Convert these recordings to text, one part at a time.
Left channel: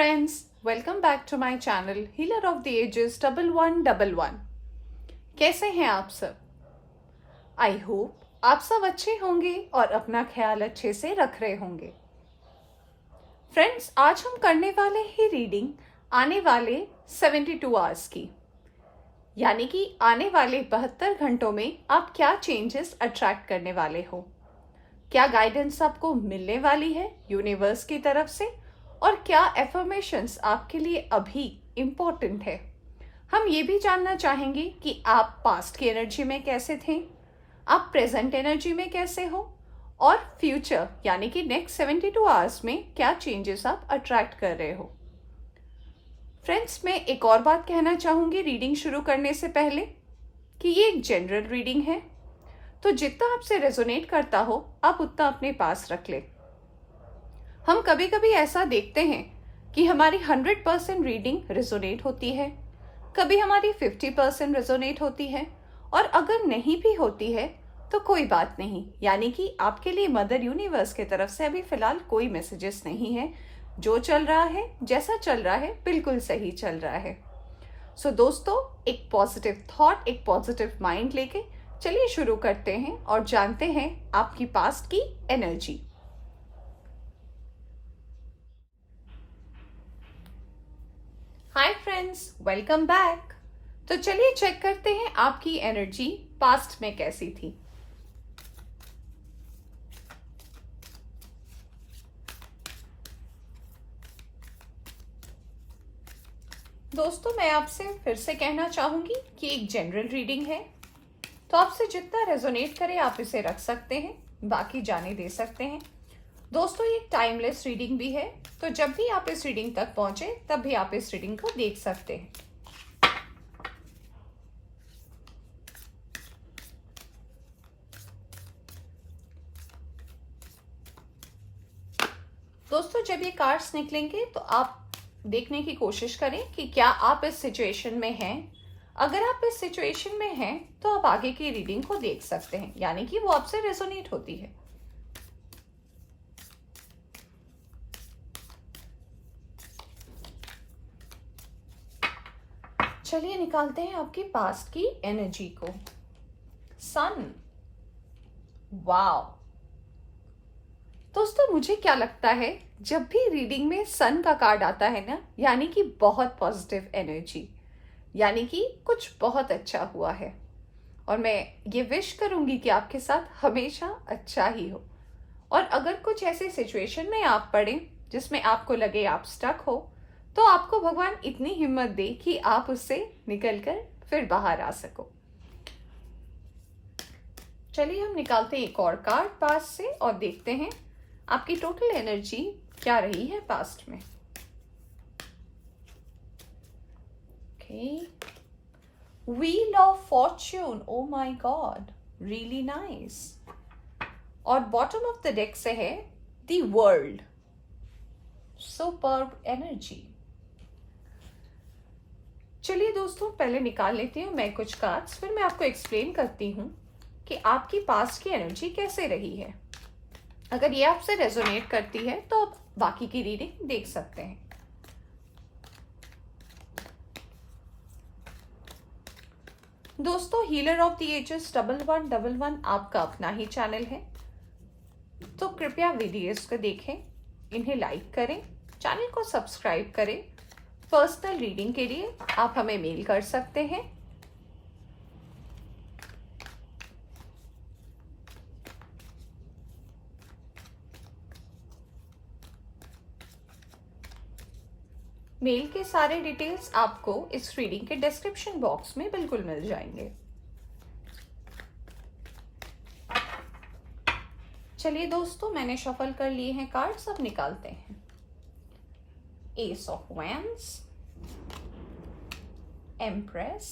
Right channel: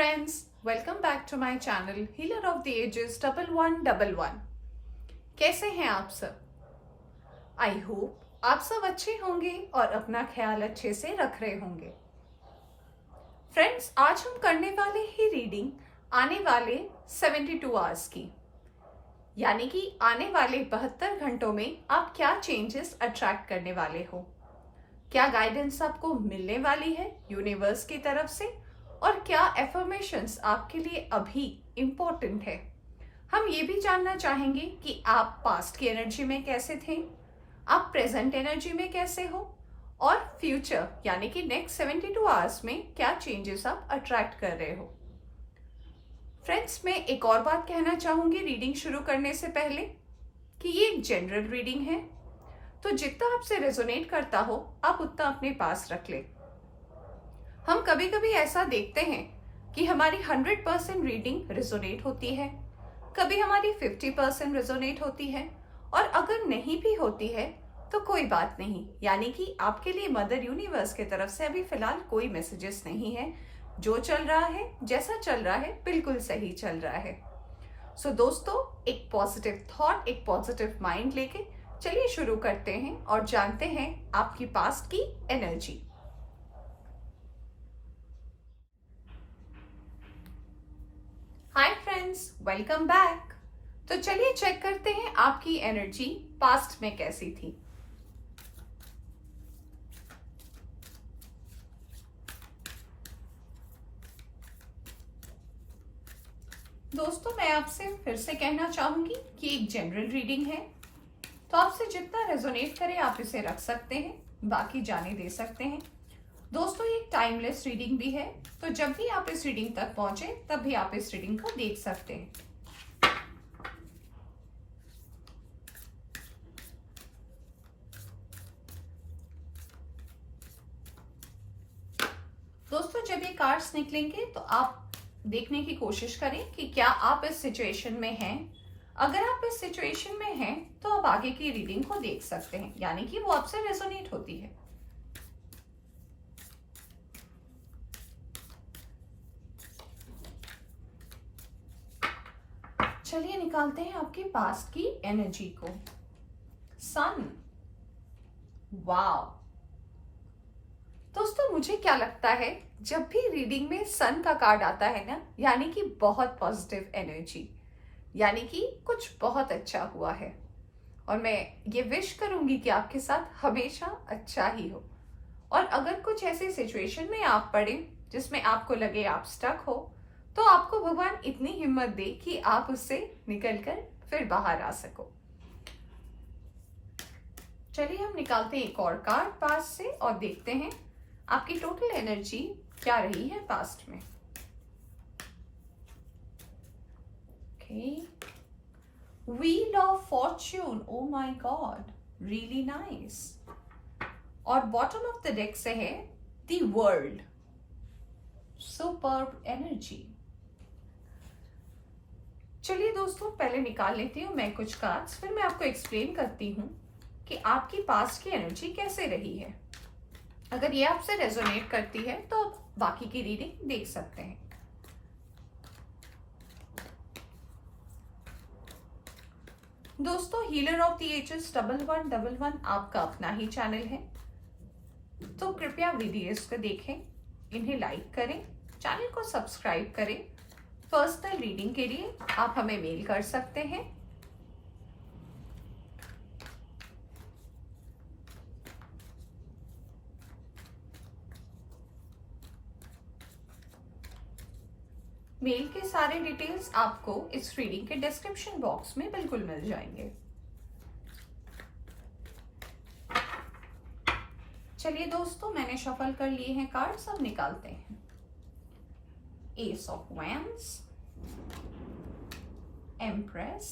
friends, welcome back to my channel Healer of the Ages 1111। कैसे हैं आप सब? आई होप आप सब अच्छे होंगे और अपना ख्याल अच्छे से रख रहे होंगे। फ्रेंड्स, आज हम करने वाले हैं रीडिंग आने वाले 72 आवर्स की, यानी कि आने वाले 72 घंटों में आप क्या चेंजेस अट्रैक्ट करने वाले हो, क्या गाइडेंस आपको मिलने वाली है यूनिवर्स की तरफ से, और क्या एफर्मेशंस आपके लिए अभी इम्पोर्टेंट है। हम ये भी जानना चाहेंगे कि आप पास्ट की एनर्जी में कैसे थे, आप प्रेजेंट एनर्जी में कैसे हो, और फ्यूचर यानी कि नेक्स्ट 72 आवर्स में क्या चेंजेस आप अट्रैक्ट कर रहे हो। फ्रेंड्स, मैं एक और बात कहना चाहूंगी रीडिंग शुरू करने से पहले कि ये एक जनरल रीडिंग है, तो जितना आपसे रेजोनेट करता हो आप उतना अपने पास रख ले। हम कभी कभी ऐसा देखते हैं कि हमारी 100% रीडिंग रेजोनेट होती है, कभी हमारी 50% रेजोनेट होती है, और अगर नहीं भी होती है तो कोई बात नहीं, यानी कि आपके लिए मदर यूनिवर्स की तरफ से अभी फिलहाल कोई मैसेजेस नहीं है। जो चल रहा है, जैसा चल रहा है, बिल्कुल सही चल रहा है। सो दोस्तों, एक पॉजिटिव थॉट, एक पॉजिटिव माइंड लेके चलिए शुरू करते हैं और जानते हैं आपकी पास्ट की energy. Hi friends, welcome back. तो चलिए चेक करते हैं आपकी एनर्जी पास्ट में कैसी थी। दोस्तों, मैं आपसे फिर से कहना चाहूंगी कि एक जनरल रीडिंग है, तो आपसे जितना रेजोनेट करे आप इसे रख सकते हैं, बाकी जाने दे सकते हैं। दोस्तों, ये टाइमलेस रीडिंग भी है, तो जब भी आप इस रीडिंग तक पहुंचे तब भी आप इस रीडिंग को देख सकते हैं। दोस्तों, जब ये कार्ड्स निकलेंगे तो आप देखने की कोशिश करें कि क्या आप इस सिचुएशन में हैं। अगर आप इस सिचुएशन में हैं तो आप आगे की रीडिंग को देख सकते हैं, यानी कि वो आपसे रेजोनेट होती है। चलिए निकालते हैं आपकी पास्ट की एनर्जी को। सन, वाओ। दोस्तों, मुझे क्या लगता है, जब भी रीडिंग में सन का कार्ड आता है ना, यानी कि बहुत पॉजिटिव एनर्जी, यानी कि कुछ बहुत अच्छा हुआ है। और मैं ये विश करूंगी कि आपके साथ हमेशा अच्छा ही हो। और अगर कुछ ऐसे सिचुएशन में आप पड़े जिसमें आपको लगे आप स्टक हो, तो आपको भगवान इतनी हिम्मत दे कि आप उससे निकलकर फिर बाहर आ सको। चलिए हम निकालते हैं एक और कार्ड पास्ट से और देखते हैं आपकी टोटल एनर्जी क्या रही है पास्ट में। Wheel of Fortune, O my God, really nice. और बॉटम ऑफ द डेक से है द वर्ल्ड, सुपर्ब एनर्जी। चलिए दोस्तों, पहले निकाल लेती हूँ मैं कुछ कार्ड्स, फिर मैं आपको एक्सप्लेन करती हूँ कि आपकी पास्ट की एनर्जी कैसे रही है। अगर ये आपसे रेजोनेट करती है तो आप बाकी की रीडिंग देख सकते हैं। दोस्तों, हीलर ऑफ द एजेस 1111 आपका अपना ही चैनल है, तो कृपया वीडियोस को देखें, इन्हें लाइक करें, चैनल को सब्सक्राइब करें। पर्सनल रीडिंग के लिए आप हमें मेल कर सकते हैं। मेल के सारे डिटेल्स आपको इस रीडिंग के डिस्क्रिप्शन बॉक्स में बिल्कुल मिल जाएंगे। चलिए दोस्तों, मैंने शफल कर लिए हैं कार्ड्स, अब निकालते हैं। Ace of wands, empress,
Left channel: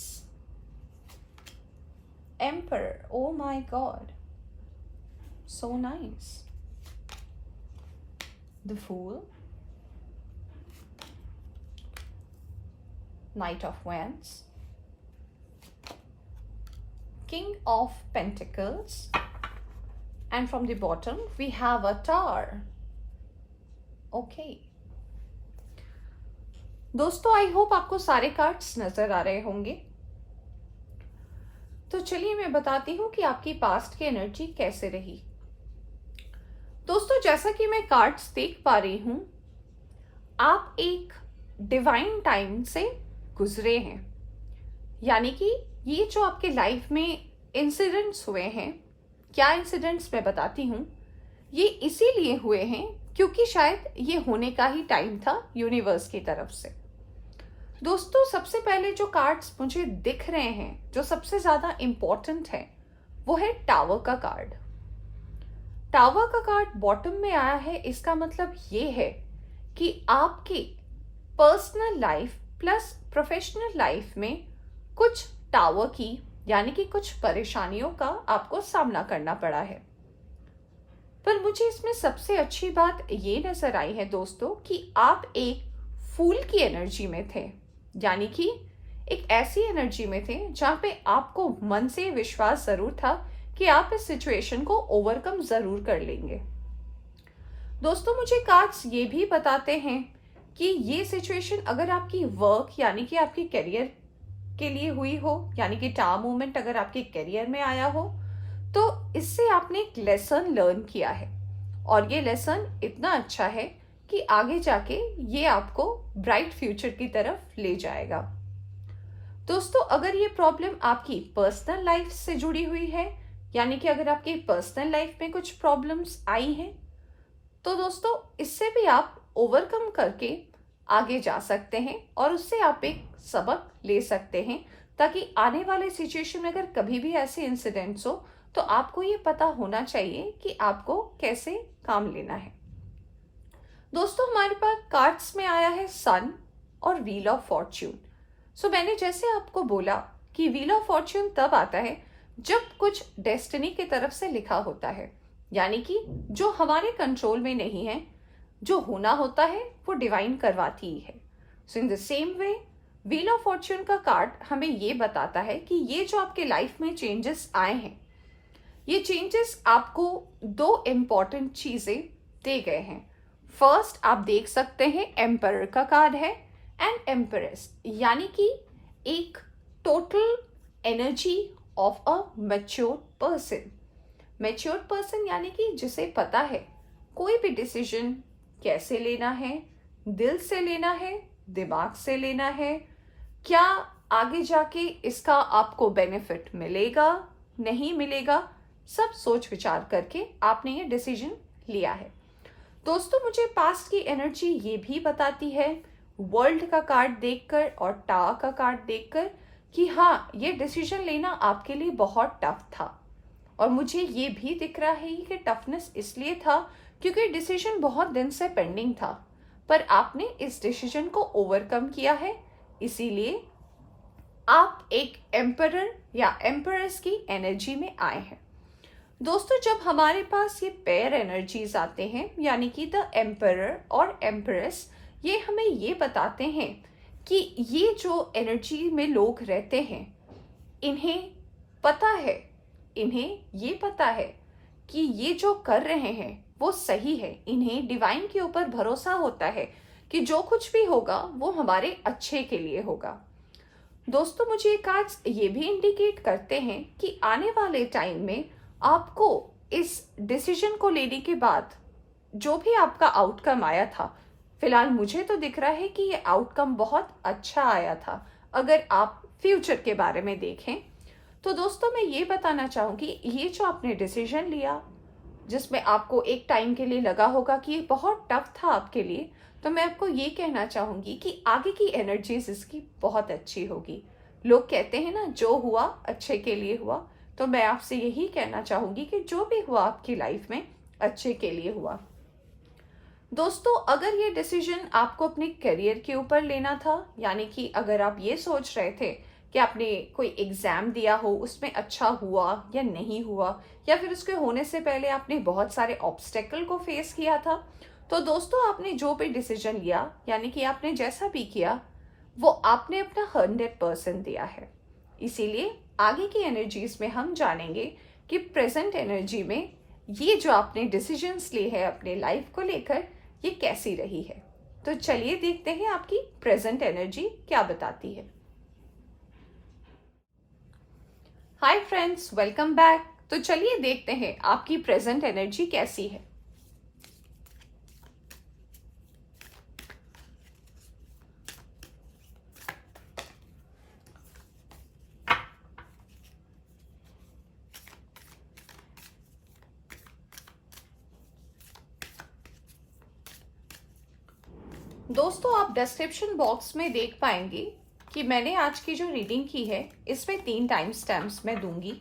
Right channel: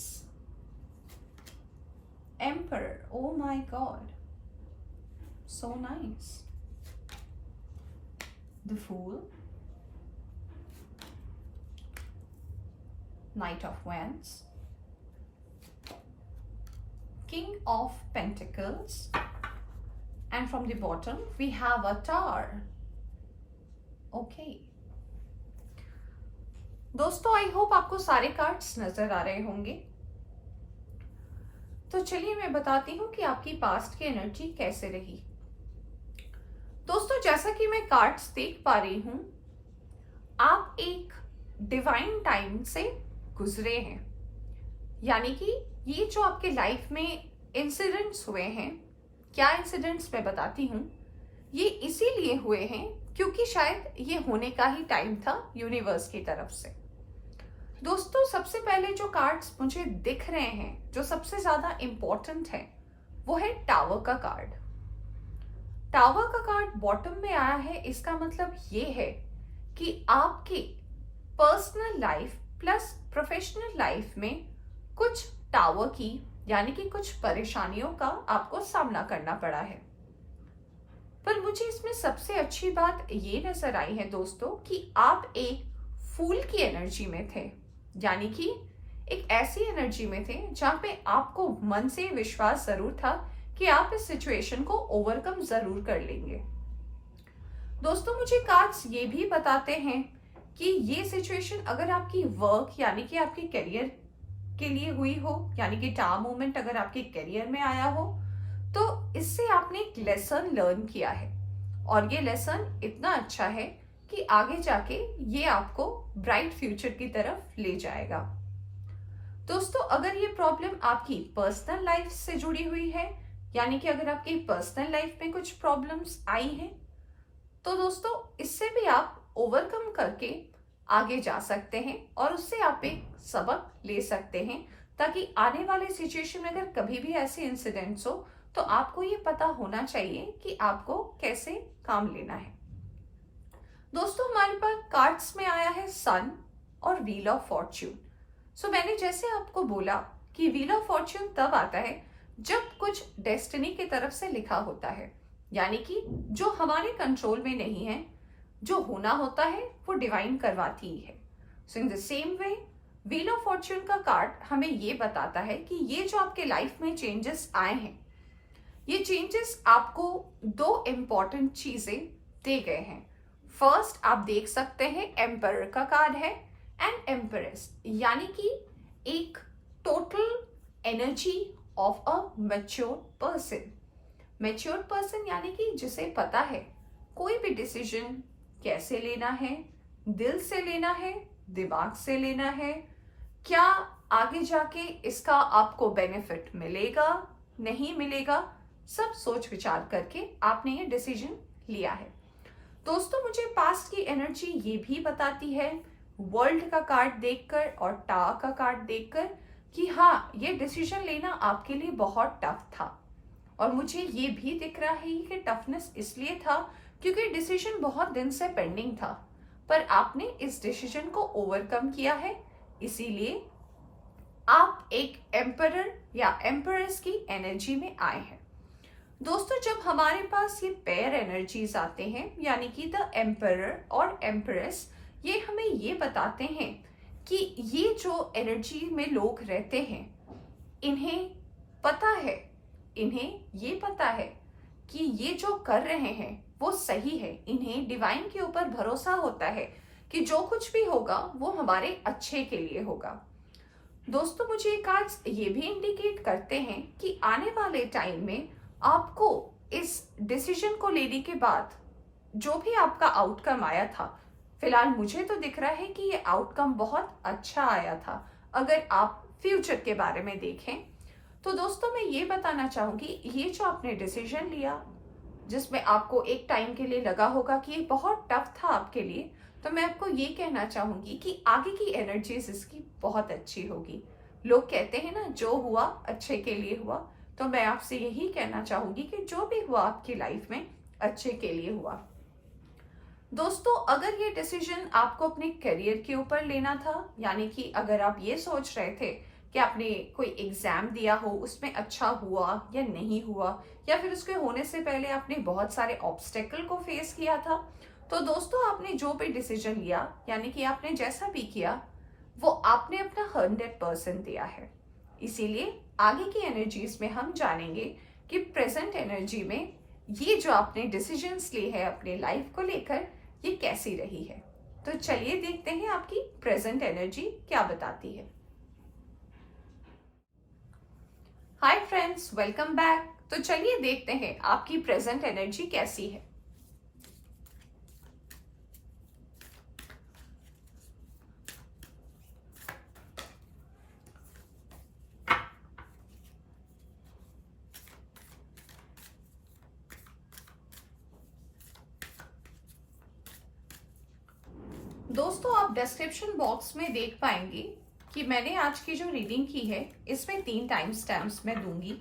emperor, oh my god, so nice, the fool, Knight of Wands, King of Pentacles, and from the bottom we have a Tower. Okay. दोस्तों आई होप आपको सारे cards नजर आ रहे होंगे। तो चलिए मैं बताती हूँ कि आपकी पास्ट की एनर्जी कैसे रही। दोस्तों जैसा कि मैं कार्ड्स देख पा रही हूँ, आप एक डिवाइन टाइम से गुजरे हैं। यानी कि ये जो आपके लाइफ में इंसिडेंट्स हुए हैं, क्या इंसिडेंट्स मैं बताती हूँ, ये इसीलिए हुए हैं क्योंकि शायद ये होने का ही टाइम था यूनिवर्स की तरफ से। दोस्तों सबसे पहले जो कार्ड्स मुझे दिख रहे हैं, जो सबसे ज्यादा इंपॉर्टेंट है, वो है टावर का कार्ड। टावर का कार्ड बॉटम में आया है। इसका मतलब ये है कि आपकी personal life plus professional life में कुछ टावर की यानी कि कुछ परेशानियों का आपको सामना करना पड़ा है। पर मुझे इसमें सबसे अच्छी बात ये नजर आई है दोस्तों कि आप एक फूल की एनर्जी में थे। यानी कि एक ऐसी एनर्जी में थे जहां पे आपको मन से विश्वास जरूर था कि आप इस सिचुएशन को ओवरकम जरूर कर लेंगे। दोस्तों मुझे कार्ड्स ये भी बताते हैं कि ये सिचुएशन अगर आपकी वर्क यानी कि आपके करियर के लिए हुई हो, यानी कि टावर मूवमेंट अगर आपके करियर में आया हो, तो इससे आपने एक लेसन लर्न किया है और ये लेसन इतना अच्छा है कि आगे जाके ये आपको ब्राइट फ्यूचर की तरफ ले जाएगा। दोस्तों अगर ये प्रॉब्लम आपकी पर्सनल लाइफ से जुड़ी हुई है, यानी कि अगर आपकी पर्सनल लाइफ में कुछ प्रॉब्लम्स आई हैं, तो दोस्तों इससे भी आप ओवरकम करके आगे जा सकते हैं और उससे आप एक सबक ले सकते हैं, ताकि आने वाले सिचुएशन में अगर कभी भी ऐसे इंसिडेंट्स हो तो आपको ये पता होना चाहिए कि आपको कैसे काम लेना है। दोस्तों हमारे पास कार्ड्स में आया है सन और व्हील ऑफ फॉर्च्यून। सो मैंने जैसे आपको बोला कि व्हील ऑफ फॉर्च्यून तब आता है जब कुछ डेस्टिनी की तरफ से लिखा होता है, यानी कि जो हमारे कंट्रोल में नहीं है, जो होना होता है वो डिवाइन करवाती ही है। So in the same way wheel of fortune का कार्ड हमें ये बताता है कि ये जो आपके लाइफ में चेंजेस आए हैं, ये चेंजेस आपको दो इंपॉर्टेंट चीजें दे गए हैं। फर्स्ट आप देख सकते हैं एम्परर का कार्ड है एंड एम्परेस, यानी कि एक total energy of a mature person. Mature person यानी कि जिसे पता है कोई भी डिसीजन कैसे लेना है, दिल से लेना है, दिमाग से लेना है, क्या आगे जाके इसका आपको बेनिफिट मिलेगा नहीं मिलेगा, सब सोच विचार करके आपने ये डिसीजन लिया है। दोस्तों मुझे पास्ट की एनर्जी ये भी बताती है वर्ल्ड का कार्ड देखकर और टावर का कार्ड देखकर कि हाँ ये डिसीजन लेना आपके लिए बहुत टफ था। और मुझे ये भी दिख रहा है कि टफनेस इसलिए था क्योंकि डिसीजन बहुत दिन से पेंडिंग था, पर आपने इस डिसीजन को ओवरकम किया है, इसीलिए आप एक एम्परर या एम्परेस की एनर्जी में आए हैं। दोस्तों जब हमारे पास ये पेयर एनर्जीज आते हैं, यानी कि द एम्परर और एम्परेस, ये हमें ये बताते हैं कि ये जो एनर्जी में लोग रहते हैं, इन्हें पता है, इन्हें ये पता है कि ये जो कर रहे हैं वो सही है। इन्हें डिवाइन के ऊपर भरोसा होता है कि जो कुछ भी होगा वो हमारे अच्छे के लिए होगा। दोस्तों मुझे कार्ड्स ये भी इंडिकेट करते हैं कि आने वाले टाइम में आपको इस डिसीजन को लेने के बाद जो भी आपका आउटकम आया था, फिलहाल मुझे तो दिख रहा है कि ये आउटकम बहुत अच्छा आया था अगर आप फ्यूचर के बारे में देखें। तो दोस्तों मैं ये बताना चाहूंगी, ये जो आपने डिसीजन लिया जिसमें आपको एक टाइम के लिए लगा होगा कि ये बहुत टफ था आपके लिए, तो मैं आपको ये कहना चाहूंगी कि आगे की एनर्जीज इसकी बहुत अच्छी होगी। लोग कहते हैं ना जो हुआ अच्छे के लिए हुआ, तो मैं आपसे यही कहना चाहूंगी कि जो भी हुआ आपकी लाइफ में अच्छे के लिए हुआ। दोस्तों अगर ये डिसीजन आपको अपने करियर के ऊपर लेना था, यानी कि अगर आप ये सोच रहे थे कि आपने कोई एग्जाम दिया हो, उसमें अच्छा हुआ या नहीं हुआ, या फिर उसके होने से पहले आपने बहुत सारे ऑब्स्टेकल को फेस किया था, तो दोस्तों आपने जो भी डिसीजन लिया, यानी कि आपने जैसा भी किया, वो आपने अपना 100% दिया है। इसीलिए आगे की एनर्जीज में हम जानेंगे कि प्रेजेंट एनर्जी में ये जो आपने डिसीजंस लिए हैं अपने लाइफ को लेकर, ये कैसी रही है। तो चलिए देखते हैं आपकी प्रेजेंट एनर्जी क्या बताती है। Hi friends, welcome back. तो चलिए देखते हैं आपकी प्रेजेंट एनर्जी कैसी है। दोस्तों, आप डिस्क्रिप्शन बॉक्स में देख पाएंगे कि मैंने आज की जो रीडिंग की है इसमें 3 टाइम स्टैम्प्स मैं दूंगी।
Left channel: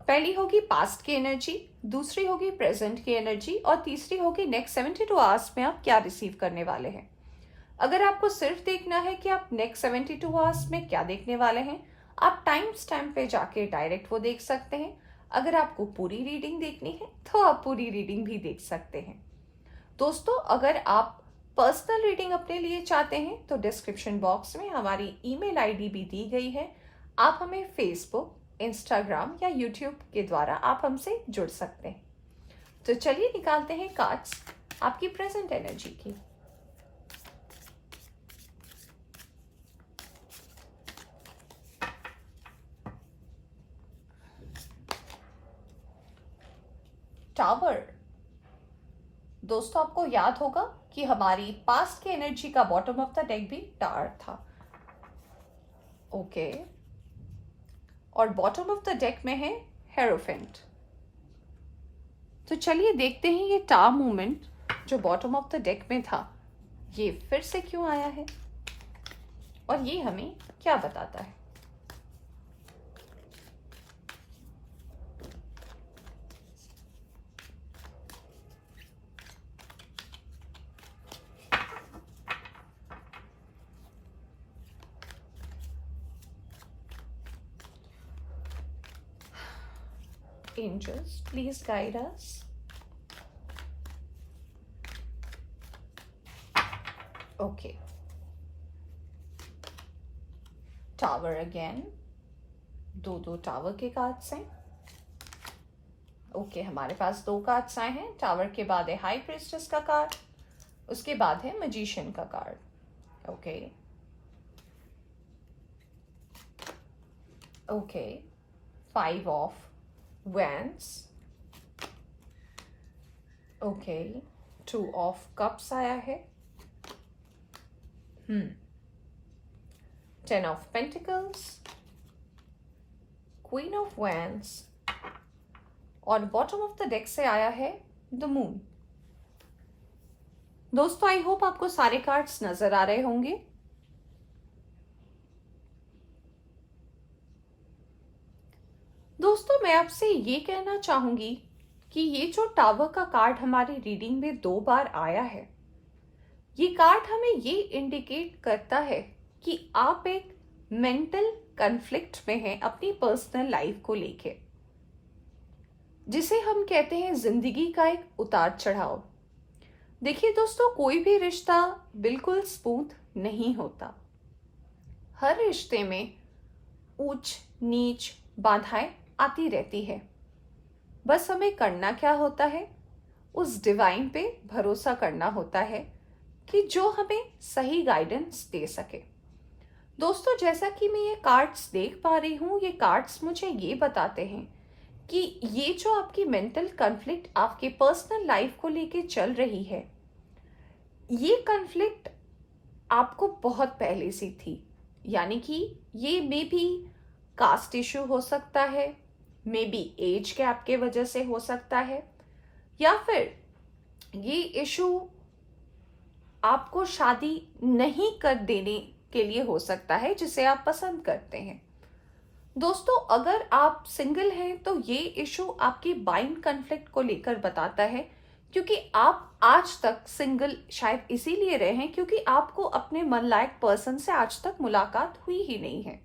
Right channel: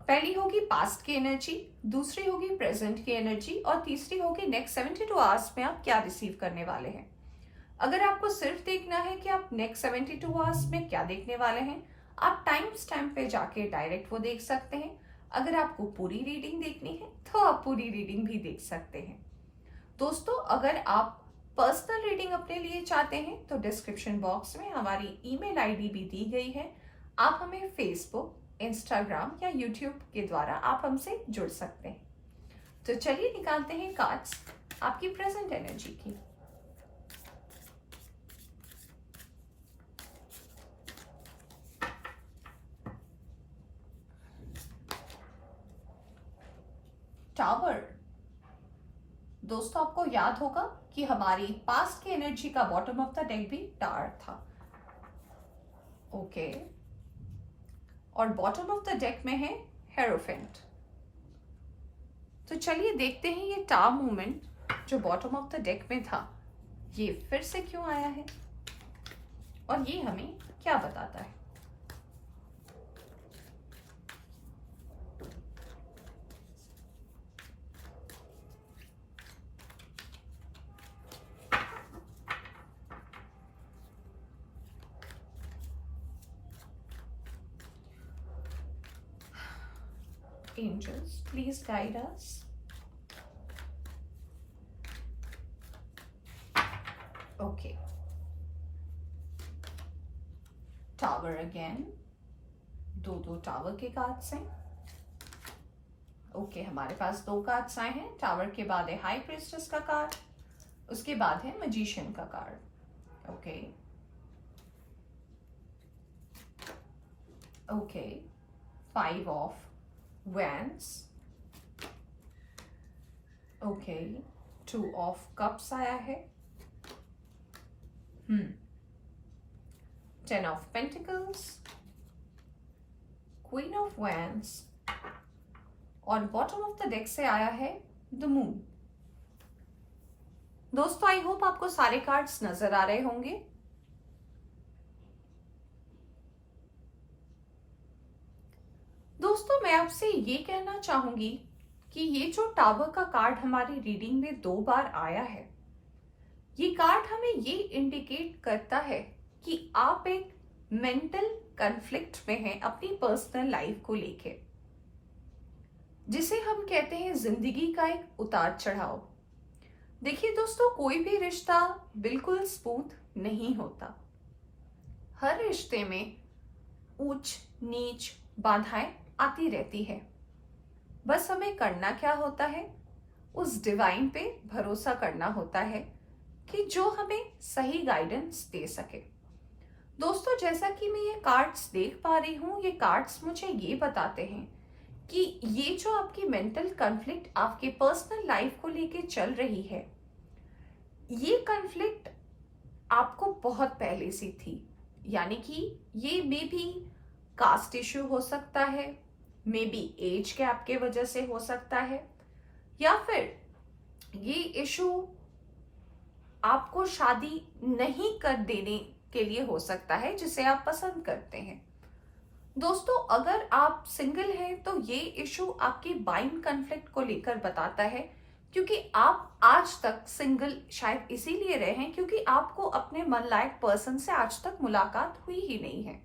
पहली होगी पास्ट की एनर्जी, दूसरी होगी प्रेजेंट की एनर्जी और तीसरी होगी नेक्स्ट 72 आवर्स में आप क्या रिसीव करने वाले हैं। अगर आपको सिर्फ देखना है कि आप नेक्स्ट 72 आवर्स में क्या देखने वाले हैं, आप टाइम स्टैम्प पे जाके डायरेक्ट वो देख सकते हैं। अगर आपको पूरी रीडिंग देखनी है तो आप पूरी रीडिंग भी देख सकते हैं। दोस्तों, अगर आप पर्सनल रीडिंग अपने लिए चाहते हैं तो डिस्क्रिप्शन बॉक्स में हमारी ईमेल आईडी भी दी गई है। आप हमें फेसबुक, इंस्टाग्राम या यूट्यूब के द्वारा आप हमसे जुड़ सकते हैं। तो चलिए निकालते हैं कार्ड्स आपकी प्रेजेंट एनर्जी की। टावर। दोस्तों, आपको याद होगा कि हमारी पास्ट की एनर्जी का बॉटम ऑफ द डेक भी टावर था। ओके, और बॉटम ऑफ द डेक में है हेरोफेंट। तो चलिए देखते हैं ये टावर मूवमेंट जो बॉटम ऑफ द डेक में था ये फिर से क्यों आया है और ये हमें क्या बताता है। Angels, please guide us. Okay. Tower again. दो टावर के कार्ड्स हैं। ओके, हमारे पास 2 कार्ड्स आए हैं। टावर के बाद है हाई प्रीस्टेस का कार्ड, उसके बाद है मैजिशियन का card. Okay okay, 5 of Wands. Okay, 2 of cups आया है। 10 of pentacles, queen of Wands और बॉटम ऑफ द डेक से आया है द मून। दोस्तों, आई होप आपको सारे कार्ड्स नजर आ रहे होंगे। दोस्तों, मैं आपसे ये कहना चाहूंगी कि ये जो टावर का कार्ड हमारी रीडिंग में 2 बार आया है, ये कार्ड हमें ये इंडिकेट करता है कि आप एक मेंटल कॉन्फ्लिक्ट में हैं अपनी पर्सनल लाइफ को लेके, जिसे हम कहते हैं जिंदगी का एक उतार चढ़ाव। देखिए दोस्तों, कोई भी रिश्ता बिल्कुल स्मूथ नहीं होता। हर रिश्ते में ऊंच नीच बाधाएं आती रहती है। बस हमें करना क्या होता है, उस डिवाइन पे भरोसा करना होता है कि जो हमें सही गाइडेंस दे सके। दोस्तों, जैसा कि मैं ये कार्ड्स देख पा रही हूँ, ये कार्ड्स मुझे ये बताते हैं कि ये जो आपकी मेंटल कॉन्फ्लिक्ट आपके पर्सनल लाइफ को लेके चल रही है, ये कॉन्फ्लिक्ट आपको बहुत पहले से थी। यानी कि ये मे बी कास्ट इशू हो सकता है, मे बी एज गैप के वजह से हो सकता है, या फिर ये इशू आपको शादी नहीं कर देने के लिए हो सकता है जिसे आप पसंद करते हैं। दोस्तों, अगर आप सिंगल हैं तो ये इशू आपकी बाइंड कॉन्फ्लिक्ट को लेकर बताता है, क्योंकि आप आज तक सिंगल शायद इसीलिए रहे हैं क्योंकि आपको अपने मन लायक पर्सन से आज तक मुलाकात हुई ही नहीं है।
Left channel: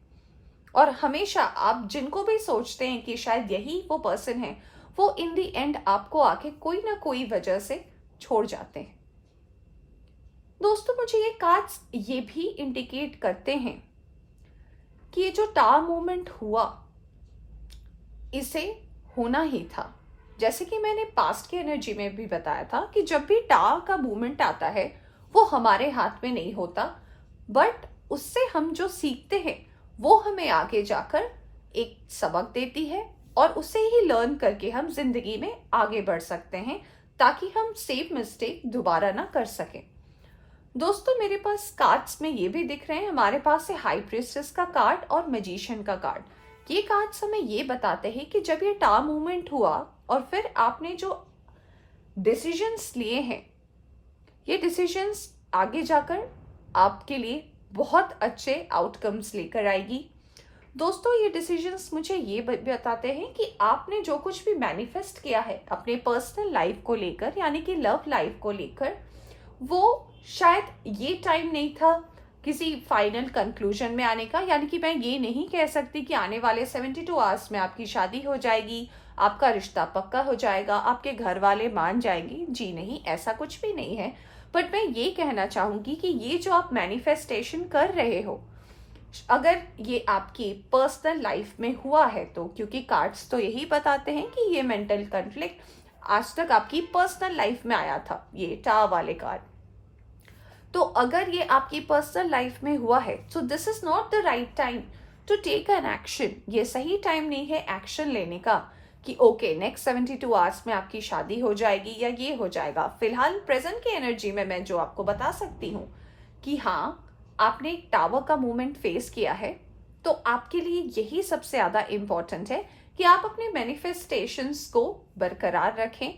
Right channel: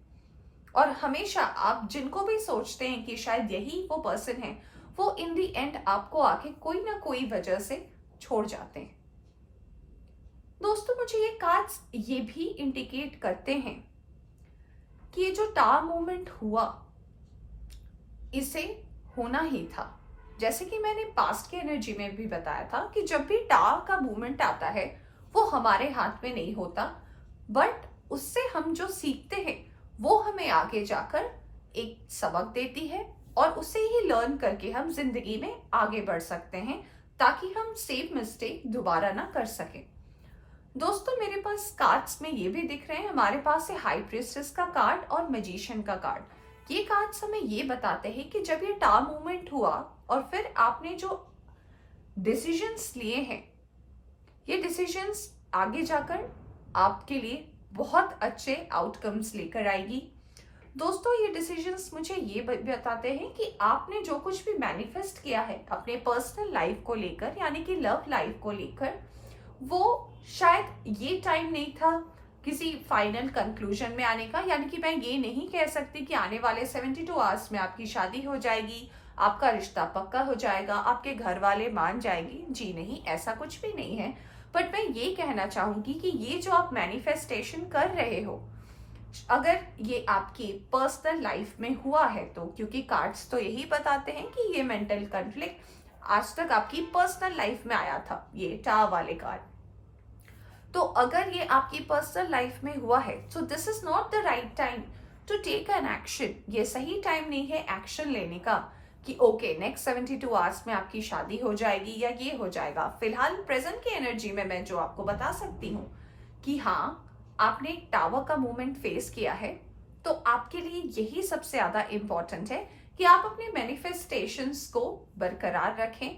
और हमेशा आप जिनको भी सोचते हैं कि शायद यही वो पर्सन है, वो इन दी एंड आपको आके कोई ना कोई वजह से छोड़ जाते हैं। दोस्तों, मुझे ये कार्ड्स ये भी इंडिकेट करते हैं कि ये जो टावर मूवमेंट हुआ, इसे होना ही था। जैसे कि मैंने पास्ट की एनर्जी में भी बताया था कि जब भी टावर का मूवमेंट आता है वो हमारे हाथ में नहीं होता, बट उससे हम जो सीखते हैं वो हमें आगे जाकर एक सबक देती है, और उसे ही लर्न करके हम जिंदगी में आगे बढ़ सकते हैं, ताकि हम सेम मिस्टेक दोबारा ना कर सकें। दोस्तों, मेरे पास कार्ड्स में ये भी दिख रहे हैं, हमारे पास है हाई प्रीस्टेस का कार्ड और मैजिशियन का कार्ड। ये कार्ड्स हमें ये बताते हैं कि जब ये टावर मूवमेंट हुआ और फिर आपने जो डिसीजंस लिए हैं, ये डिसीजंस आगे जाकर आपके लिए बहुत अच्छे आउटकम्स लेकर आएगी। दोस्तों, ये डिसीजंस मुझे ये बताते हैं कि आपने जो कुछ भी मैनिफेस्ट किया है अपने पर्सनल लाइफ को लेकर, यानी कि लव लाइफ को लेकर, वो शायद ये टाइम नहीं था किसी फाइनल कंक्लूजन में आने का। यानी कि मैं ये नहीं कह सकती कि आने वाले 72 आवर्स में आपकी शादी हो जाएगी, आपका रिश्ता पक्का हो जाएगा, आपके घर वाले मान जाएंगे। जी नहीं, ऐसा कुछ भी नहीं है। बट मैं ये कहना चाहूंगी कि ये जो आप मैनिफेस्टेशन कर रहे हो, अगर ये आपकी पर्सनल लाइफ में हुआ है तो, क्योंकि कार्ड्स तो यही बताते हैं कि ये मेंटल कॉन्फ्लिक्ट आज तक आपकी पर्सनल लाइफ में आया था, ये टावर वाले कार्ड। तो अगर ये आपकी पर्सनल लाइफ में हुआ है, so this is not the right time to take an action. ये सही टाइम नहीं है एक्शन लेने का कि ओके नेक्स्ट 72 आवर्स में आपकी शादी हो जाएगी या ये हो जाएगा। फिलहाल प्रेजेंट की एनर्जी में मैं जो आपको बता सकती हूँ कि हाँ, आपने एक टावर का मूवमेंट फेस किया है, तो आपके लिए यही सबसे ज्यादा इंपॉर्टेंट है कि आप अपने मैनिफेस्टेशंस को बरकरार रखें,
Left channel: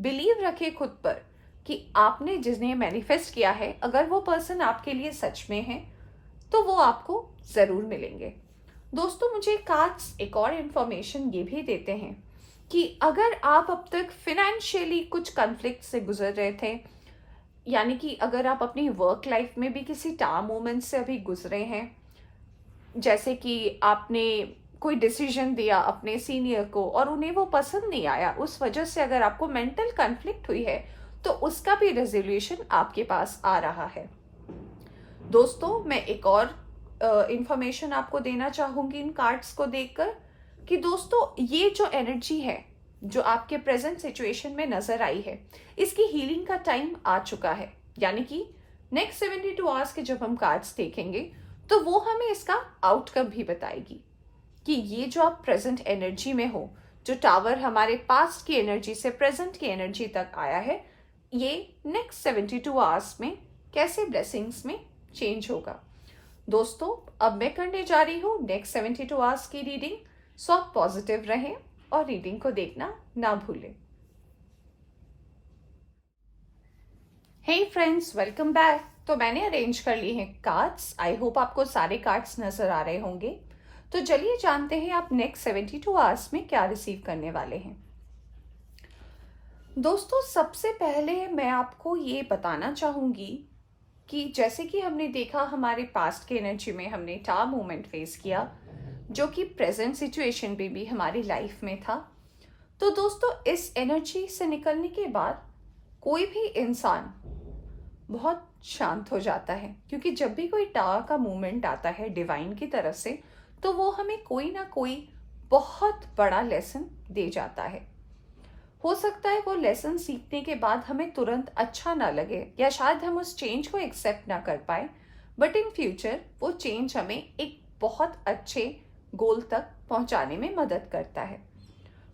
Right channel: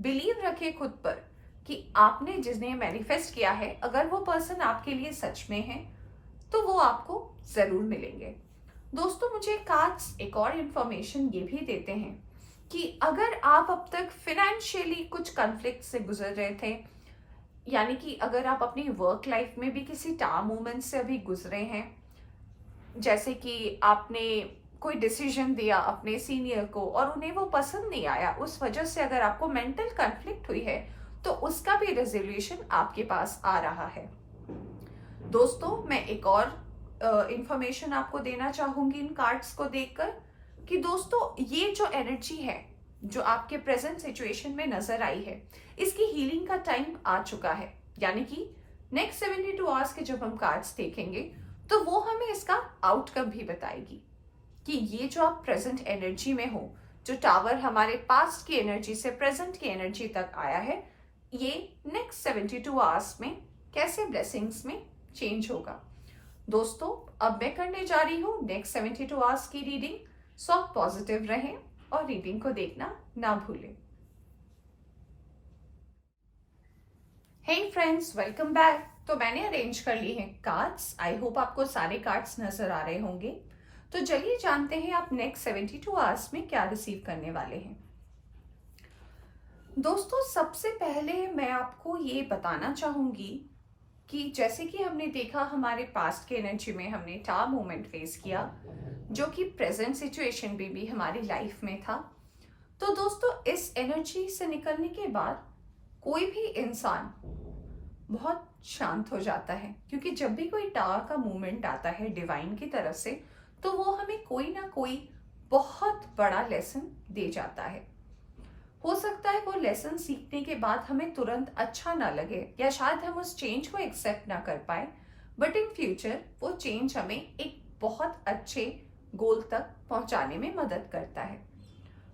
बिलीव रखें खुद पर कि आपने जिन्हें मैनिफेस्ट किया है, अगर वो पर्सन आपके लिए सच में है तो वो आपको जरूर मिलेंगे। दोस्तों, मुझे कार्ड्स एक और इंफॉर्मेशन ये भी देते हैं कि अगर आप अब तक फिनेंशियली कुछ कॉन्फ्लिक्ट से गुजर रहे थे, यानी कि अगर आप अपनी वर्क लाइफ में भी किसी टावर मूवमेंट से अभी गुजरे हैं, जैसे कि आपने कोई डिसीजन दिया अपने सीनियर को और उन्हें वो पसंद नहीं आया, उस वजह से अगर आपको मेंटल कॉन्फ्लिक्ट हुई है, तो उसका भी रेजोल्यूशन आपके पास आ रहा है। दोस्तों, मैं एक और इंफॉर्मेशन आपको देना चाहूंगी इन कार्ड्स को देखकर कि दोस्तों, ये जो एनर्जी है जो आपके प्रेजेंट सिचुएशन में नजर आई है, इसकी हीलिंग का टाइम आ चुका है। यानी कि नेक्स्ट 72 आवर्स के जब हम कार्ड्स देखेंगे तो वो हमें इसका आउटकम भी बताएगी कि ये जो आप प्रेजेंट एनर्जी में हो, जो टावर हमारे पास्ट की एनर्जी से प्रेजेंट की एनर्जी तक आया है, ये नेक्स्ट 72 आवर्स में कैसे ब्लेसिंग्स में चेंज होगा। दोस्तों, अब मैं करने जा रही हूँ नेक्स्ट 72 आवर्स की रीडिंग, सो आप पॉजिटिव रहें और रीडिंग को देखना ना भूलें। Hey friends, welcome back. तो मैंने अरेंज कर लिए हैं कार्ड्स। आई होप आपको सारे कार्ड्स नजर आ रहे होंगे। तो चलिए जानते हैं आप नेक्स्ट 72 आवर्स में क्या रिसीव करने वाले हैं। दोस्तों, सबसे पहले मैं आपको ये बताना चाहूंगी कि जैसे कि हमने देखा हमारे पास्ट के एनर्जी में हमने टावर मूवमेंट फेस किया, जो कि प्रेजेंट सिचुएशन में भी हमारी लाइफ में था। तो दोस्तों, इस एनर्जी से निकलने के बाद कोई भी इंसान बहुत शांत हो जाता है, क्योंकि जब भी कोई टावर का मूवमेंट आता है डिवाइन की तरफ से, तो वो हमें कोई ना कोई बहुत बड़ा लेसन दे जाता है। हो सकता है वो लेसन सीखने के बाद हमें तुरंत अच्छा ना लगे, या शायद हम उस चेंज को एक्सेप्ट ना कर पाए, बट इन फ्यूचर वो चेंज हमें एक बहुत अच्छे गोल तक पहुंचाने में मदद करता है।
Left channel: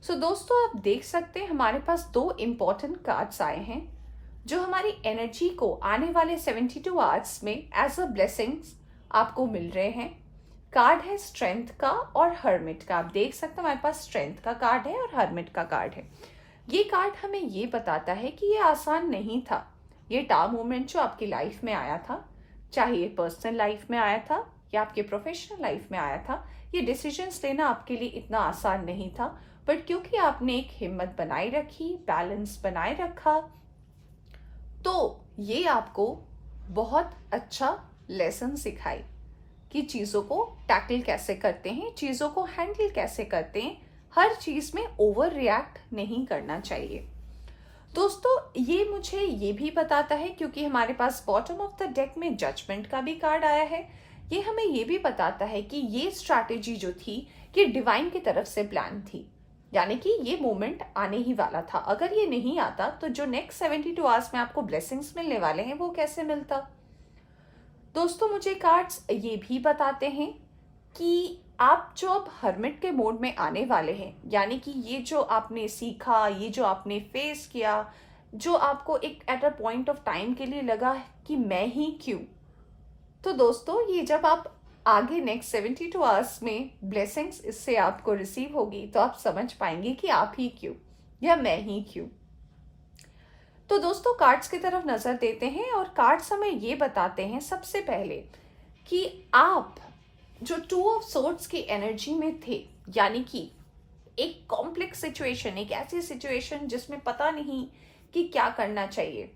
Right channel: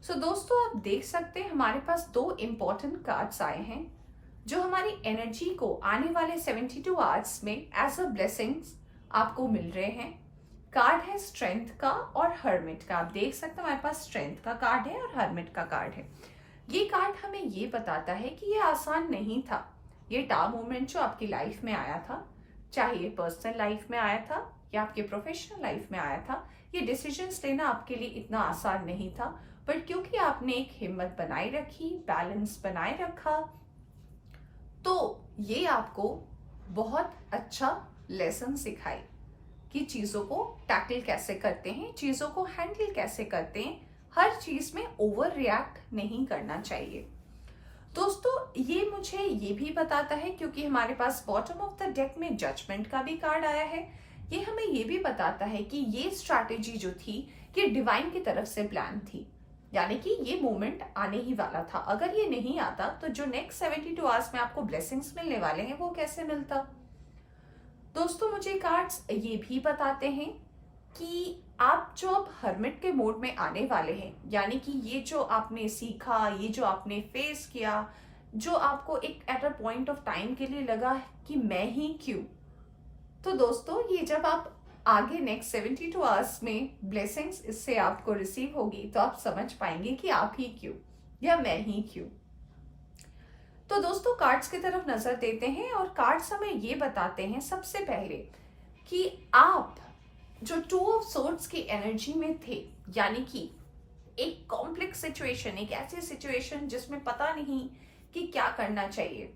सो दोस्तों, आप देख सकते हैं हमारे पास दो इंपॉर्टेंट कार्ड्स आए हैं जो हमारी एनर्जी को आने वाले 72 आवर्स में एज अ ब्लेसिंग्स आपको मिल रहे हैं। कार्ड है स्ट्रेंथ का और हर्मिट का। आप देख सकते हैं हमारे पास स्ट्रेंथ का कार्ड है और हर्मिट का कार्ड है। ये कार्ड हमें ये बताता है कि ये आसान नहीं था। ये टावर मूवमेंट जो आपकी लाइफ में आया था, चाहे ये पर्सनल लाइफ में आया था या आपके प्रोफेशनल लाइफ में आया था, ये डिसीजंस लेना आपके लिए इतना आसान नहीं था। बट क्योंकि आपने एक हिम्मत बनाए रखी, बैलेंस बनाए रखा, तो ये आपको बहुत अच्छा लेसन सिखाई कि चीजों को टैकल कैसे करते हैं, चीजों को हैंडल कैसे करते हैं। हर चीज में ओवर रिएक्ट नहीं करना चाहिए। दोस्तों, ये मुझे ये भी बताता है, क्योंकि हमारे पास बॉटम ऑफ द डेक में जजमेंट का भी कार्ड आया है, ये हमें ये भी बताता है कि ये स्ट्रैटेजी जो थी, ये डिवाइन की तरफ से प्लान थी। यानी कि ये मोमेंट आने ही वाला था। अगर ये नहीं आता तो जो नेक्स्ट 72 आवर्स में आपको ब्लेसिंग्स मिलने वाले हैं वो कैसे मिलता। दोस्तों मुझे कार्ड्स ये भी बताते हैं कि आप जो अब हर्मिट के मोड में आने वाले हैं, यानी कि ये जो आपने सीखा, ये जो आपने फेस किया, जो आपको एक at a point of time के लिए लगा कि मैं ही क्यों, तो दोस्तों ये जब आप आगे नेक्स्ट 72 आवर्स में ब्लेसिंग्स इससे आपको रिसीव होगी तो आप समझ पाएंगे कि आप ही क्यों या मैं ही क्यों। तो दोस्तों कार्ड्स की तरफ नजर देते हैं और कार्ड्स हमें ये बताते हैं सबसे पहले कि आप जो 2 ऑफ सोर्ड्स की एनर्जी में थे, यानी कि एक कॉम्प्लेक्स सिचुएशन, एक ऐसी सिचुएशन जिसमें पता नहीं कि क्या करना चाहिए,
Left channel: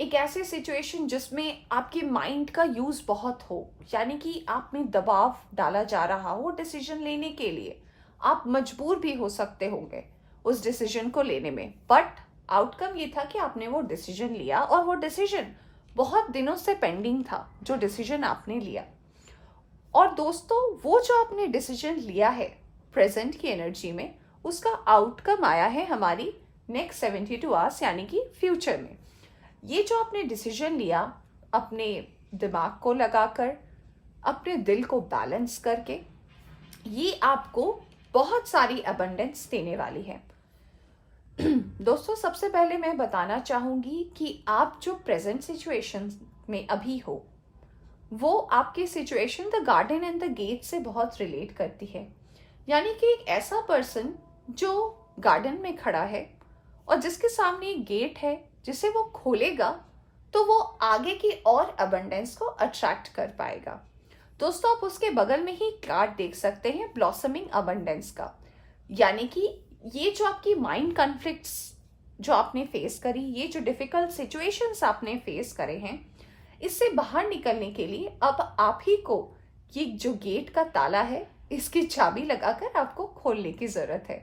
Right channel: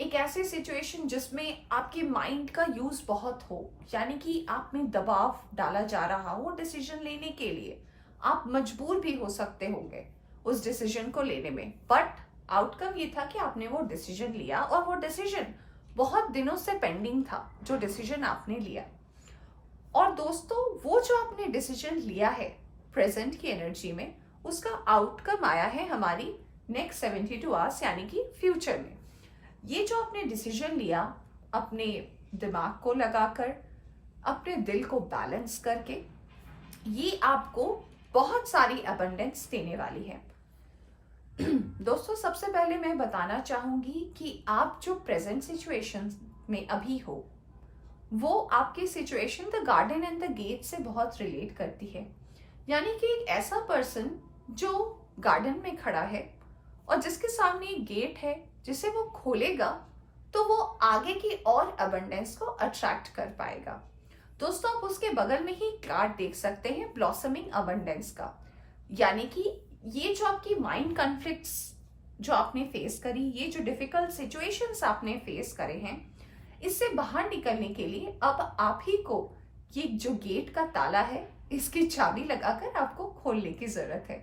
एक ऐसी सिचुएशन जिसमें आपके माइंड का यूज बहुत हो, यानी कि आप में दबाव डाला जा रहा हो डिसीजन लेने के लिए, आप मजबूर भी हो सकते होंगे उस डिसीजन को लेने में, बट आउटकम ये था कि आपने वो डिसीजन लिया और वो डिसीजन बहुत दिनों से पेंडिंग था जो डिसीजन आपने लिया। और दोस्तों वो जो आपने डिसीजन लिया है प्रेजेंट की एनर्जी में, उसका आउटकम आया है हमारी नेक्स्ट 72 आवर्स यानी कि फ्यूचर में। ये जो आपने डिसीजन लिया अपने दिमाग को लगाकर, अपने दिल को बैलेंस करके, ये आपको बहुत सारी अबंडेंस देने वाली है। दोस्तों सबसे पहले मैं बताना चाहूंगी कि आप जो प्रेजेंट सिचुएशन में अभी हो वो आपकी situation the garden and the gate से बहुत रिलेट करती है। यानी कि एक ऐसा पर्सन जो गार्डन में खड़ा है और जिसके सामने एक गेट है जिसे वो खोलेगा तो वो आगे की और अबंडेंस को अट्रैक्ट कर पाएगा। दोस्तों आप उसके बगल में ही कार्ड देख सकते हैं ब्लॉसमिंग अबंडेंस का, यानी कि ये जो आपकी माइंड कॉन्फ्लिक्ट्स जो आपने फेस करी, ये जो डिफिकल्ट सिचुएशंस आपने फेस करे हैं, इससे बाहर निकलने के लिए अब आप ही को ये जो गेट का ताला है इसकी चाबी लगाकर आपको खोलने की जरूरत है।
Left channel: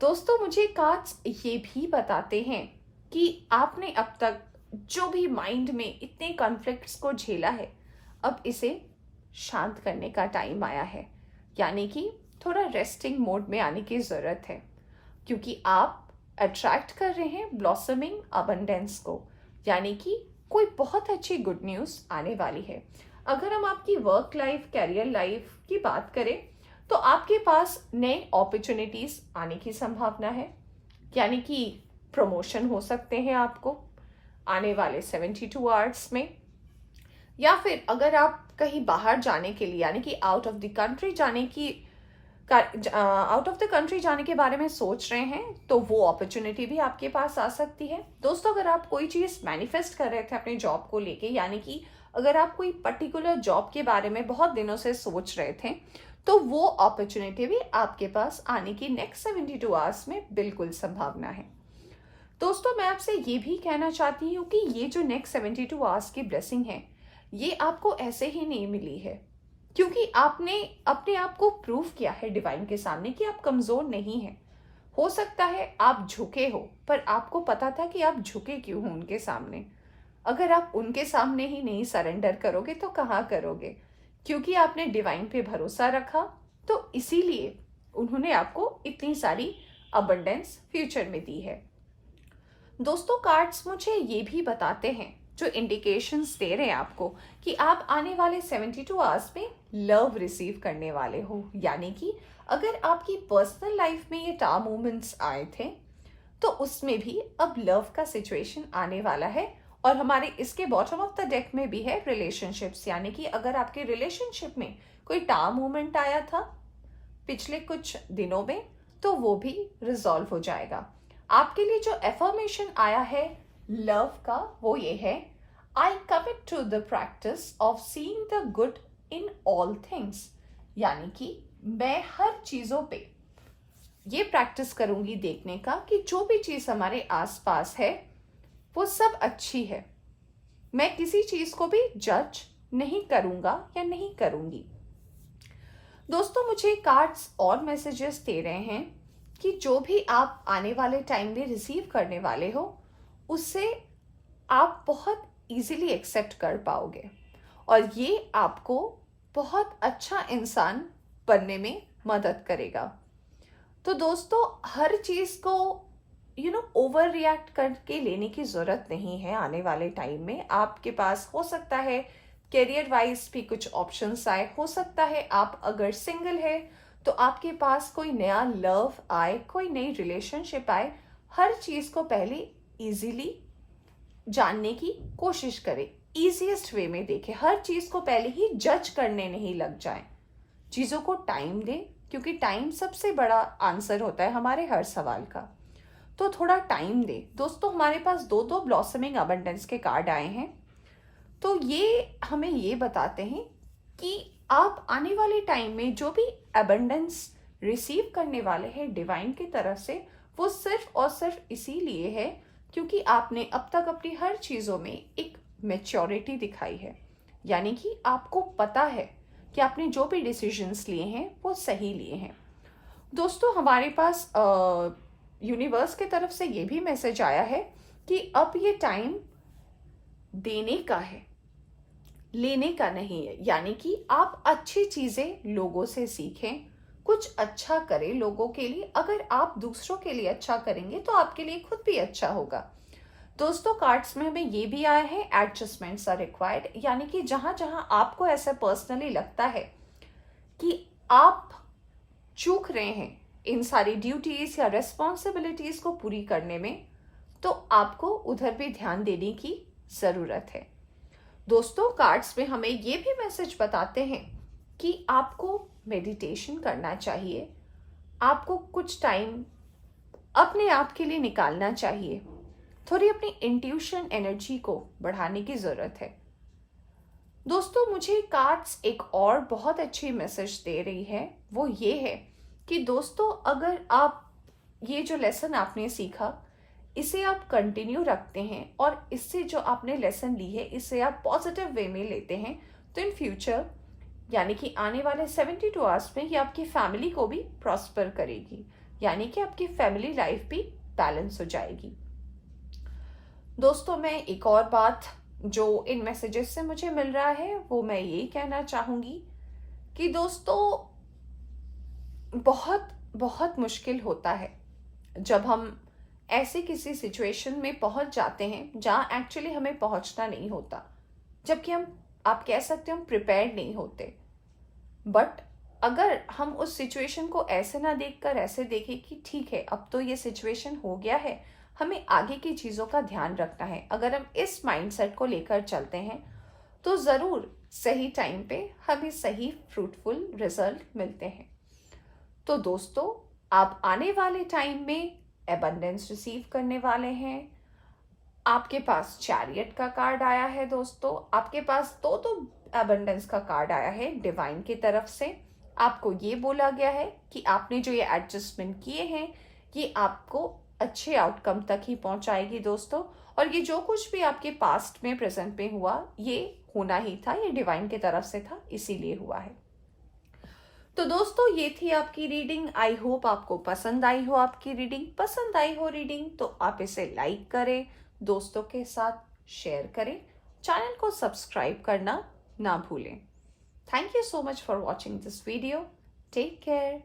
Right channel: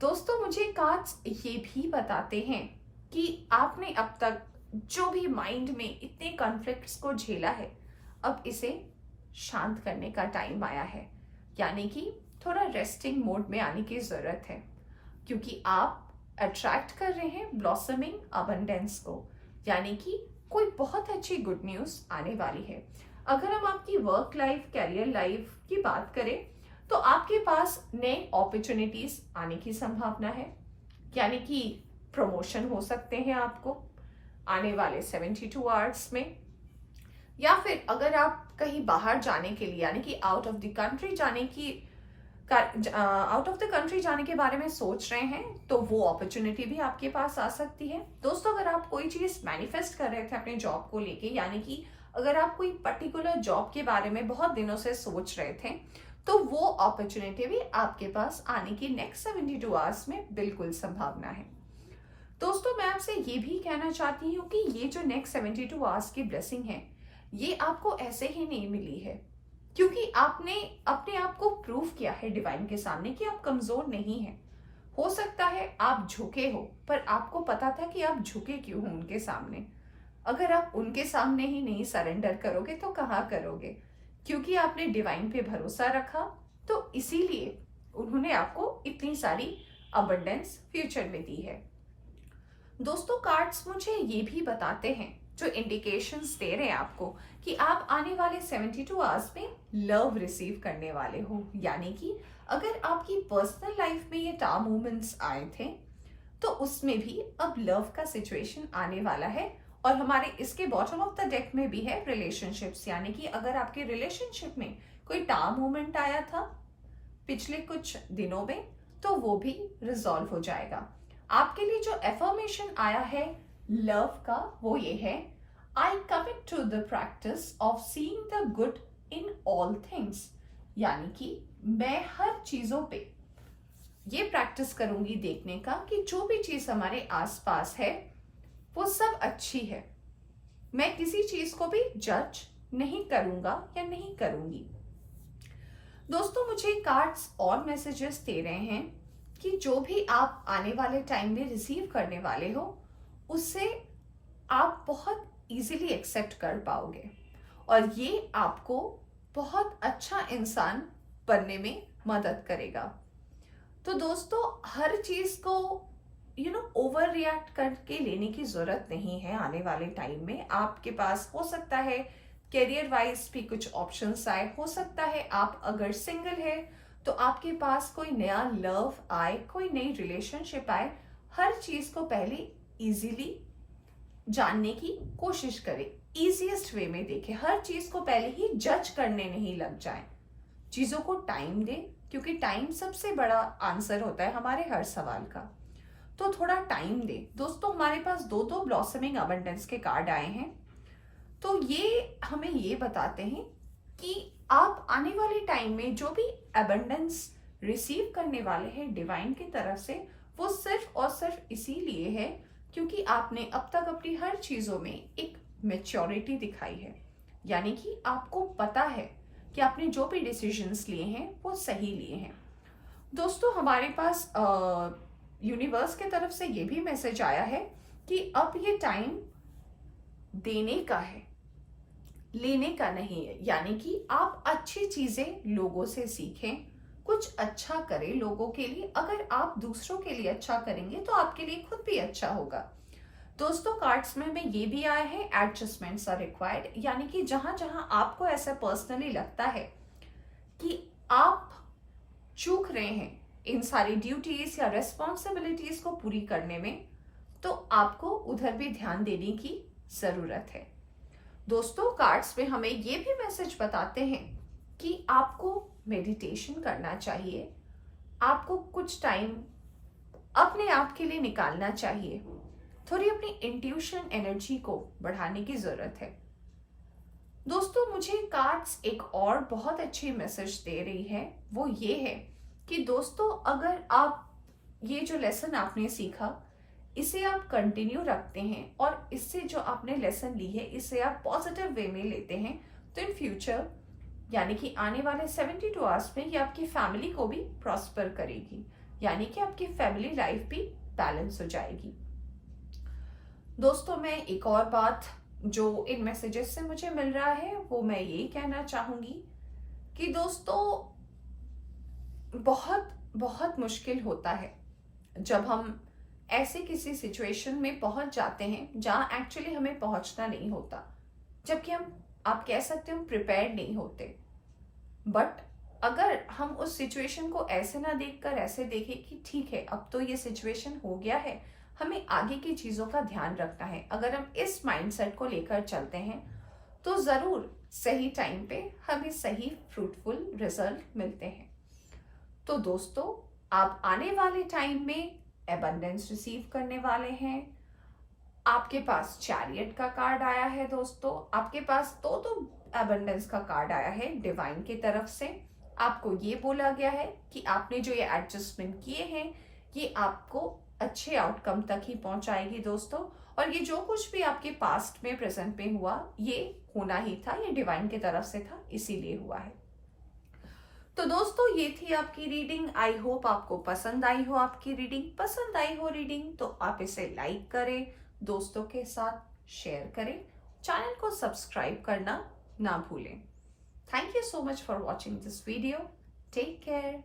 दोस्तों मुझे कार्ड्स ये भी बताते हैं कि आपने अब तक जो भी माइंड में इतने कॉन्फ्लिक्ट्स को झेला है, अब इसे शांत करने का टाइम आया है, यानी कि थोड़ा रेस्टिंग मोड में आने की जरूरत है, क्योंकि आप अट्रैक्ट कर रहे हैं ब्लॉसमिंग अबंडेंस को, यानी कि कोई बहुत अच्छी गुड न्यूज आने वाली है। अगर हम आपकी वर्क लाइफ, कैरियर लाइफ की बात करें तो आपके पास नए अपॉर्चुनिटीज आने की संभावना है, यानी कि प्रमोशन हो सकते हैं आपको आने वाले 72 आवर्स में, या फिर अगर आप कहीं बाहर जाने के लिए यानी कि आउट ऑफ द कंट्री जाने के बारे में सोच रहे हैं तो वो अपॉर्चुनिटी भी आपके पास आ सकती है। दोस्तों अगर आप कोई चीज मैनिफेस्ट कर रहे थे अपने जॉब को लेके, यानी कि अगर आप कोई पर्टिकुलर जॉब के बारे में बहुत दिनों से सोच रहे थे तो वो अपॉर्चुनिटी भी आपके पास आने की नेक्स्ट 72 आवर्स में बिल्कुल संभावना है। दोस्तों मैं आपसे ये भी कहना चाहती हूँ कि ये जो नेक्स्ट 72 आवर्स की ब्लेसिंग है ये आपको ऐसे ही नहीं मिली है, क्योंकि आपने अपने आप को प्रूव किया है डिवाइन के सामने कि आप कमजोर नहीं हैं। हो सकता है आप झुके हो, पर आपको पता था कि आप झुके क्यों हो उनके सामने। अगर आप उनके सामने ही नहीं सरेंडर करोगे तो कहाँ करोगे, क्योंकि आपने डिवाइन पे भरोसा रखा, तो इसीलिए उन्होंने आपको इतनी सारी अबंडेंस फ्यूचर में दी है। दोस्तों कार्ड्स मुझे ये भी बताते हैं, जो इंडिकेशंस दे रहे हैं आपको, कि आप आने वाले 72 आवर्स में लव रिसीव करने वाले हो, यानी कि अगर आपकी पर्सनल लाइफ में ये टार मोमेंट्स आए थे तो उसमें भी अब लव का सिचुएशन आने वाला है। और हमारे इसके बॉटम ऑफ द डेक में भी है रिलेशनशिप्स, यानी कि अगर आपके रिलेशनशिप में कोई टार मोमेंट आया था पिछले कुछ दिनों में तो वो भी रिजॉल्व हो जाएगा। आपके लिए जो एफर्मेशन आया है लव का वो ये है, I commit to the practice of seeing the good in all things, यानी कि मैं हर चीजों पे ये प्रैक्टिस करूंगी देखने का कि जो भी चीज हमारे आसपास है वो सब अच्छी है। मैं किसी चीज को भी जज नहीं करूंगा या नहीं करूंगी। दोस्तों मुझे कार्ड्स और मैसेजेस दे रहे हैं कि जो भी आप आने वाले टाइम में रिसीव करने वाले हो उससे आप बहुत इजीली एक्सेप्ट कर पाओगे और ये आपको बहुत अच्छा इंसान बनने में मदद करेगा। तो दोस्तों हर चीज को ओवर रिएक्ट करके लेने की जरूरत नहीं है। आने वाले टाइम में आपके पास हो सकता है करियर वाइज भी कुछ ऑप्शंस आए, हो सकता है आप अगर सिंगल है तो आपके पास कोई नया लव आए, कोई नई रिलेशनशिप आए। हर चीज को पहले इजीली जानने की कोशिश करें, इजीएस्ट वे में देखें, हर चीज को पहले ही जज करने नहीं लग जाए। चीजों को टाइम दें, क्योंकि टाइम सबसे बड़ा आंसर होता है हमारे हर सवाल का। तो थोड़ा टाइम दे। दोस्तों हमारे पास दो दो ब्लॉसमिंग अबंडेंस के कार्ड आए हैं। तो ये हमें ये बताते हैं कि आप आने वाले टाइम में जो भी अबंडेंस रिसीव करने वाले हैं डिवाइन की तरफ से, वो सिर्फ और सिर्फ इसीलिए है क्योंकि आपने अब तक अपनी हर चीजों में एक मेच्योरिटी दिखाई है। यानी कि आपको पता है कि आपने जो भी डिसीजंस लिए हैं वो सही लिए हैं। दोस्तों हमारे पास यूनिवर्स की तरफ से ये भी मैसेज आया है कि अब ये टाइम देने का है, लेने का नहीं है। यानी कि आप अच्छी चीजें लोगों से सीखें, कुछ अच्छा करें लोगों के लिए। अगर आप दूसरों के लिए अच्छा करेंगे तो आपके लिए खुद भी अच्छा होगा। दोस्तों कार्ड्स में हमें ये भी आया है एडजस्टमेंट्स आर रिक्वायर्ड। यानी कि जहां जहां आपको ऐसा पर्सनली लगता है कि आप चूक रहे हैं इन सारी ड्यूटीज या रेस्पॉन्सिबिलिटीज को पूरी करने में, तो आपको उधर भी ध्यान देने की जरूरत है। दोस्तों कार्ड्स में हमें ये भी मैसेज बताते हैं कि आपको मेडिटेशन करना चाहिए, आपको कुछ टाइम अपने आप के लिए निकालना चाहिए, थोड़ी अपनी इंट्यूशन एनर्जी को बढ़ाने की जरूरत है। दोस्तों मुझे कार्ड्स एक और बहुत अच्छी मैसेज दे रही है, वो ये है कि दोस्तों अगर आप ये जो लेसन आपने सीखा इसे आप कंटिन्यू रखते हैं और इससे जो आपने लेसन ली है इसे आप पॉजिटिव वे में लेते हैं, तो इन फ्यूचर यानी कि आने वाले 72 आवर्स में ये आपकी फैमिली को भी प्रॉस्पर करेगी। यानी कि आपकी फैमिली लाइफ भी बैलेंस हो जाएगी। दोस्तों मैं एक और बात जो इन मैसेजेस से मुझे मिल रहा है वो मैं यही कहना चाहूंगी कि दोस्तों बहुत बहुत मुश्किल होता है जब हम ऐसे किसी सिचुएशन में पहुंच जाते हैं जहां एक्चुअली हमें पहुंचना नहीं होता, जबकि आप कह सकते हो हम प्रिपेयर्ड नहीं होते। बट अगर हम उस सिचुएशन को ऐसे ना देखकर ऐसे देखें कि ठीक है अब तो ये सिचुएशन हो गया है, हमें आगे की चीजों का ध्यान रखना है, अगर हम इस माइंडसेट को लेकर चलते हैं तो जरूर सही टाइम पे हमें सही फ्रूटफुल रिजल्ट मिलते हैं। तो दोस्तों आप आने वाले टाइम में एबंडेंस रिसीव करने वाले हैं। आपके पास चैरियट का कार्ड आया है। दोस्तों आपके पास दो एबंडेंस का कार्ड आया है डिवाइन की तरफ से। आपको ये बोला गया है कि आपने जो ये एडजस्टमेंट किए हैं ये आपको अच्छे आउटकम तक ही पहुंचाएगी दोस्तों। और ये जो कुछ भी आपके पास्ट में प्रेजेंट में हुआ ये होना ही था, ये डिवाइन की तरफ से था, इसीलिए हुआ है। तो दोस्तों ये थी आपकी रीडिंग। आई होप आपको पसंद आई हो। आपकी रीडिंग पसंद आई हो रीडिंग तो आप इसे लाइक करें, दोस्तों के साथ शेयर करें, चैनल को सब्सक्राइब करना ना भूलें। Thank you so much for watching this video. Take care.